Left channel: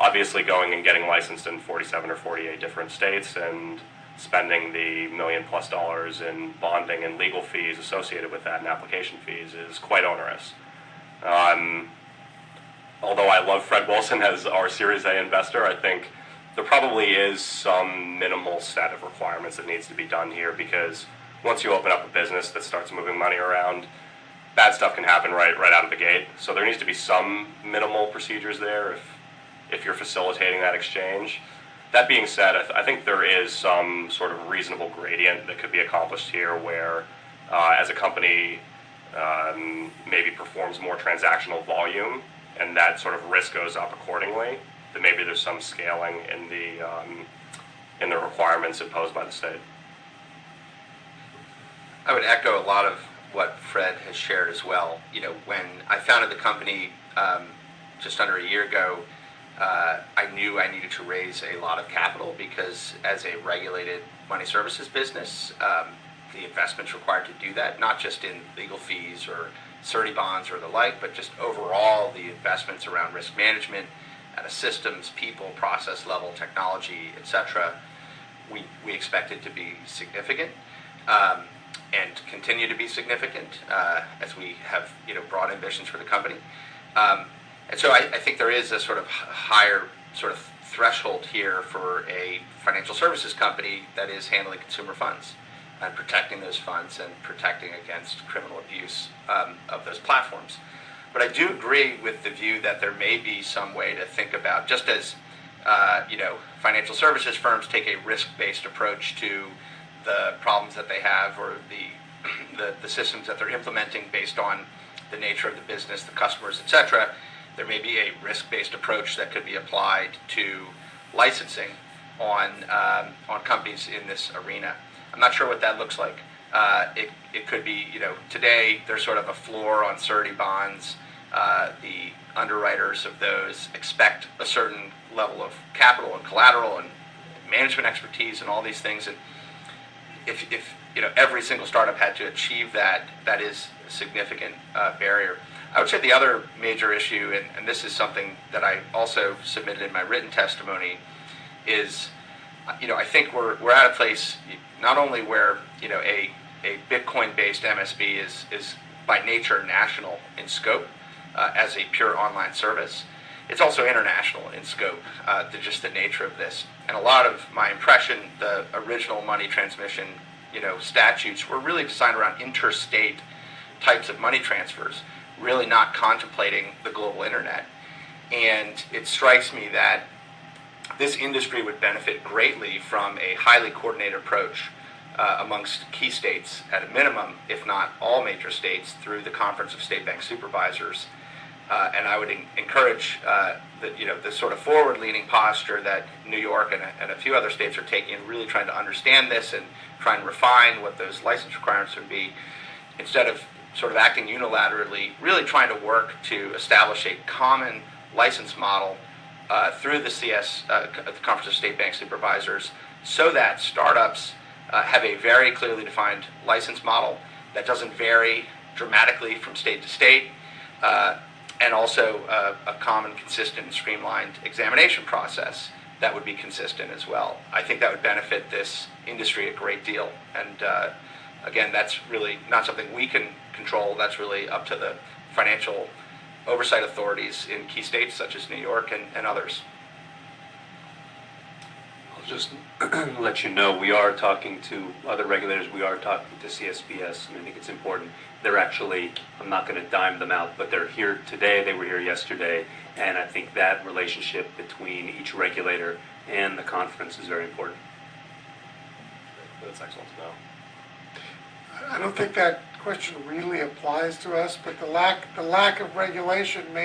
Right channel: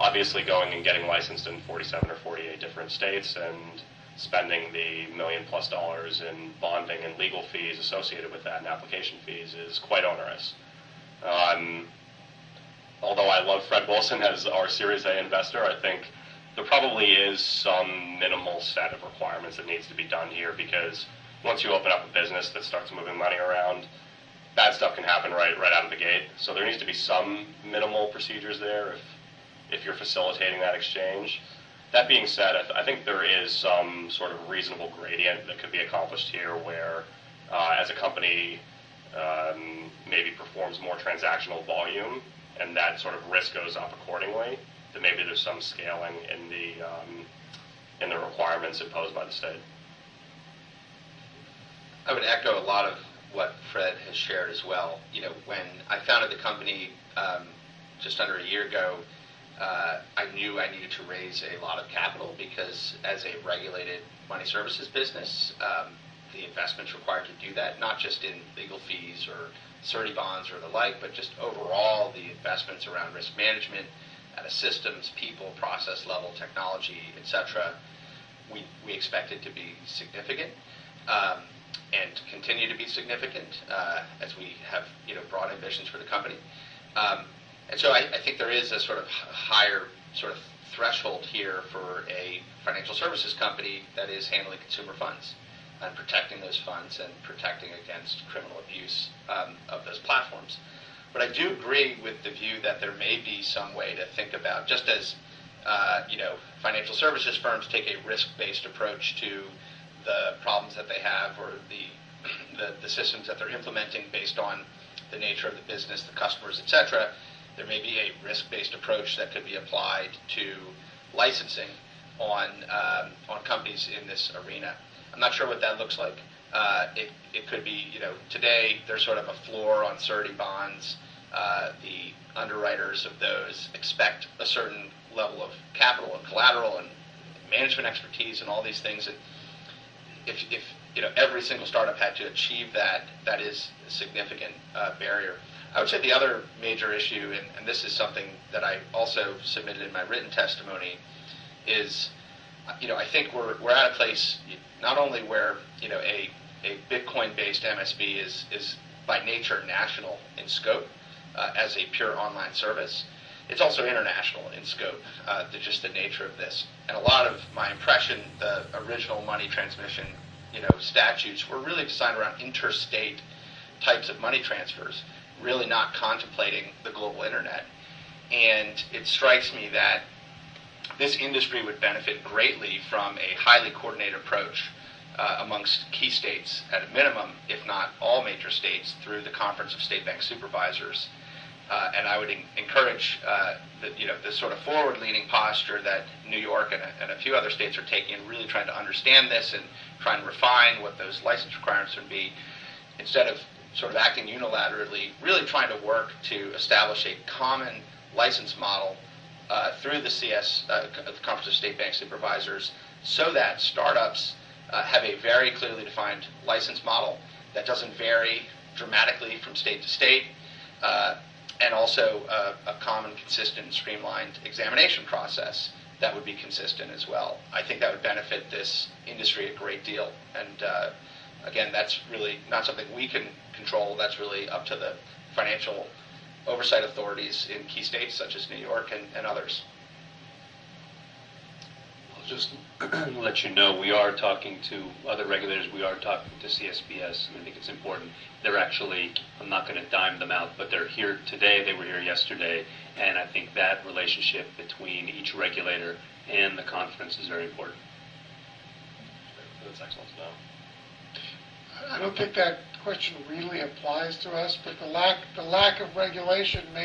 obviously going and getting licensed in 47 or 48 different states and spending the $1 million+ in bonding and legal fees associated with that and application fees is quite onerous. Although I love Fred Wilson as our Series A investor, I think there probably is some minimal set of requirements that needs to be done here, because once you open up a business that starts moving money around, bad stuff can happen right out of the gate. So there needs to be some minimal procedures there if you're facilitating that exchange. That being said, I think there is some sort of reasonable gradient that could be accomplished here where as a company maybe performs more transactional volume and that sort of risk goes up accordingly, that maybe there's some scaling in the requirements imposed by the state. I would echo a lot of what Fred has shared as well. You know, when I founded the company just under a year ago, I knew I needed to raise a lot of capital because as a regulated money services business, the investments required to do that, not just in legal fees or surety bonds or the like, but just overall the investments around risk management at a systems, people, process level, technology, etc. We expect it to be significant and to continue to be significant as we have broad ambitions for the company. And so I think there is a sort of higher sort of threshold here for a financial services company that is handling consumer funds and protecting those funds and protecting against criminal abuse of those platforms. But I do agree with the view that there may be some way to think about, just as financial services firms take a risk-based approach to the problems that they have or the systems that they're implementing based on the nature of the business, the customers, etc. There may be a risk-based approach that could be applied to licensing on companies in this arena. I'm not sure what that looks like. It could be, today there's sort of a floor on surety bonds. The underwriters of those expect a certain level of capital and collateral and management expertise and all these things. And if every single startup had to achieve that, that is a significant barrier. I would say the other major issue, and this is something that I also submitted in my written testimony, is I think we're at a place not only where a Bitcoin-based MSB is by nature national in scope as a pure online service. It's also international in scope to just the nature of this. And a lot of my impression, the original money transmission statutes were really designed around interstate types of money transfers, really not contemplating the global internet. And it strikes me that this industry would benefit greatly from a highly coordinated approach amongst key states at a minimum, if not all major states, through the Conference of State Bank Supervisors. And I would encourage the sort of forward-leaning posture that New York and a few other states are taking, really trying to understand this and try and refine what those license requirements would be, instead of sort of acting unilaterally, really trying to work to establish a common license model through the the Conference of State Bank Supervisors, so that startups have a very clearly defined license model that doesn't vary dramatically from state to state, and also a common, consistent, and streamlined examination process that would be consistent as well. I think that would benefit this industry a great deal. And again, that's really not something we can control. That's really up to the financial oversight authorities in key states such as New York and others. I'll just let you know, we are talking to other regulators. We are talking to CSBS, and I think it's important. They're actually, I'm not going to dime them out, but they're here today. They were here yesterday, and I think that relationship between each regulator and the conference is very important. That's excellent to know. I don't think that question really applies to us, but the lack of regulation may